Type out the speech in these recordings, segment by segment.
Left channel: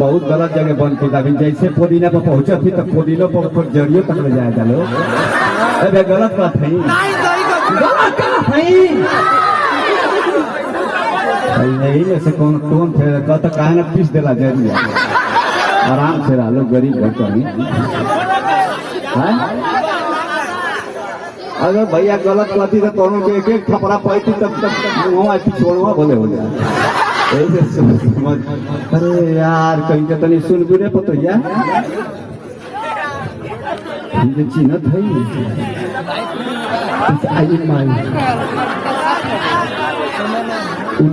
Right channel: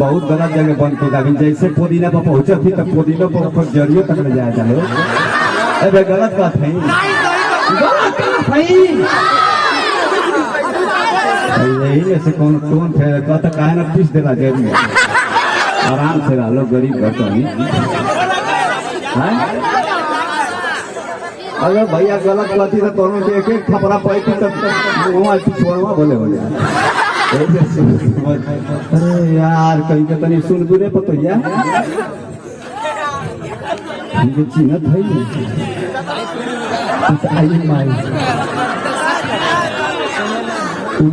बहुत गलत जगह बंद की अभी जैसे पुदीना पर पहुंचे फिर तो पुदीना पर जड़ियों तक ले जाया चलो। अरे गलत बात है, यही में से कौन कौन थे कहता कहा ना पीस देला जरिया आराम से रहो गरीब घर अगर भैया गलत गलती तो कोनो के एक थपड़ा पैती तब छोड़वा बोले हो जाए। अरे यार कहीं के तनी सुन बुरे पतैया चिन्हत है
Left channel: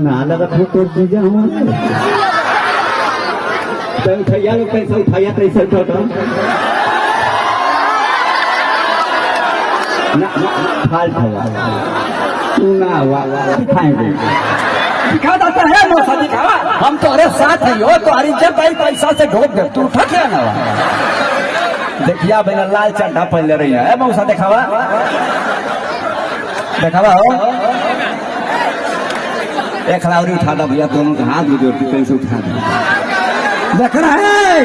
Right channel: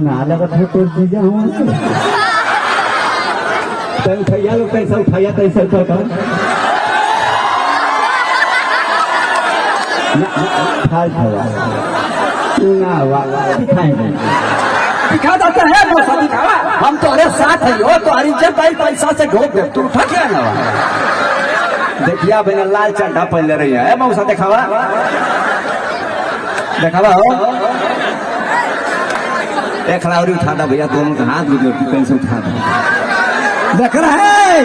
नाला का फोटो दीजिए हम उठाइया लोग पैसा उठाइया तैसा उठा हम तुम्हारे साथ ही हो, तुम्हारी जब भाई पैसा से घोट दे तू उठा क्या ना देखिया बिना लाल चड्ढा पहन ले रही है मौसा दिखावा दिखावा हो एक लाउरी उठा दा भैया दोनों का हाथ भी जोड़ पैसे उठा दो देख रहा है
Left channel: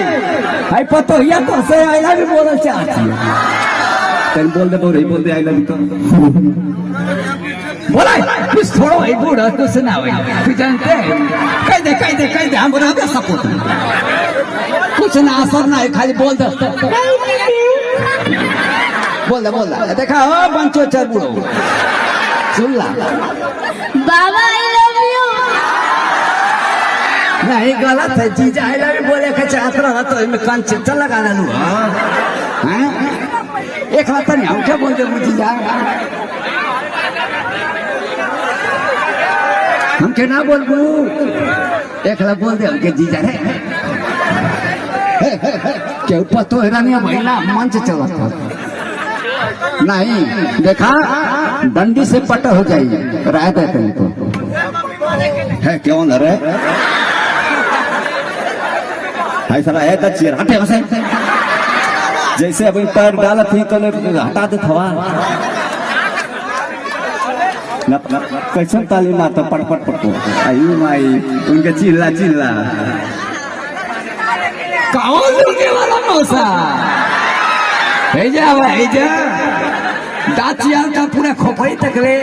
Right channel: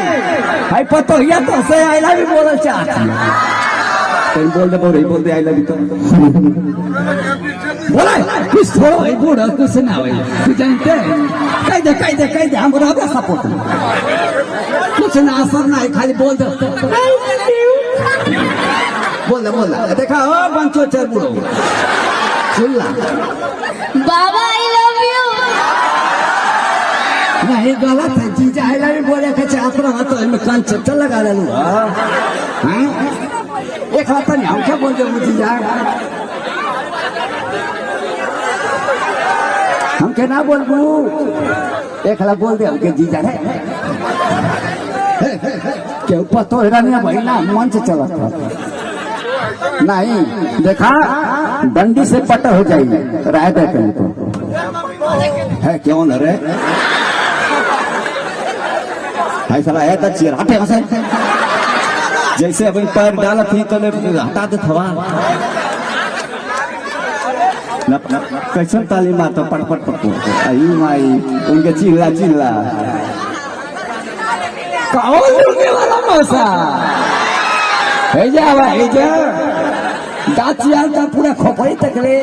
भाई पता हुआ तो से आईला भी बोलना चाहती है बोल दे आई लगी तो कुछ थोड़ा भाई बूढ़ा कुछ ना भाई तू जानते हैं कह दे हम रह सको कुछ ना असर ना है खाली बोल दे देखा हो बंचो चल बूढ़ो चिल्ला बाबा आई लव यू नहीं गलत है जीजा आई लव यू बोले के चाहत रहा तो इनमें कान चिट्टा लगा लूँ एक रत्ता नहीं हम क्या बोल दे जीजा हम क्या ना बोल दू एक लाख बोल दे हमके जीजा है क्यों पतो है नहीं भाई ना मंच चला था नहीं देखा बंदी से पट हो जाइए राय देते हैं तो है क्यों न रे ऐसा है तो चेहरा हटे वैसे जैसे अभी पैर डाला थी तो हटा दे थोड़ा कैसे ताली मारता पट पट पट आई माई उनके चिल्ला दाँत का पूरा खोपड़ी तक ले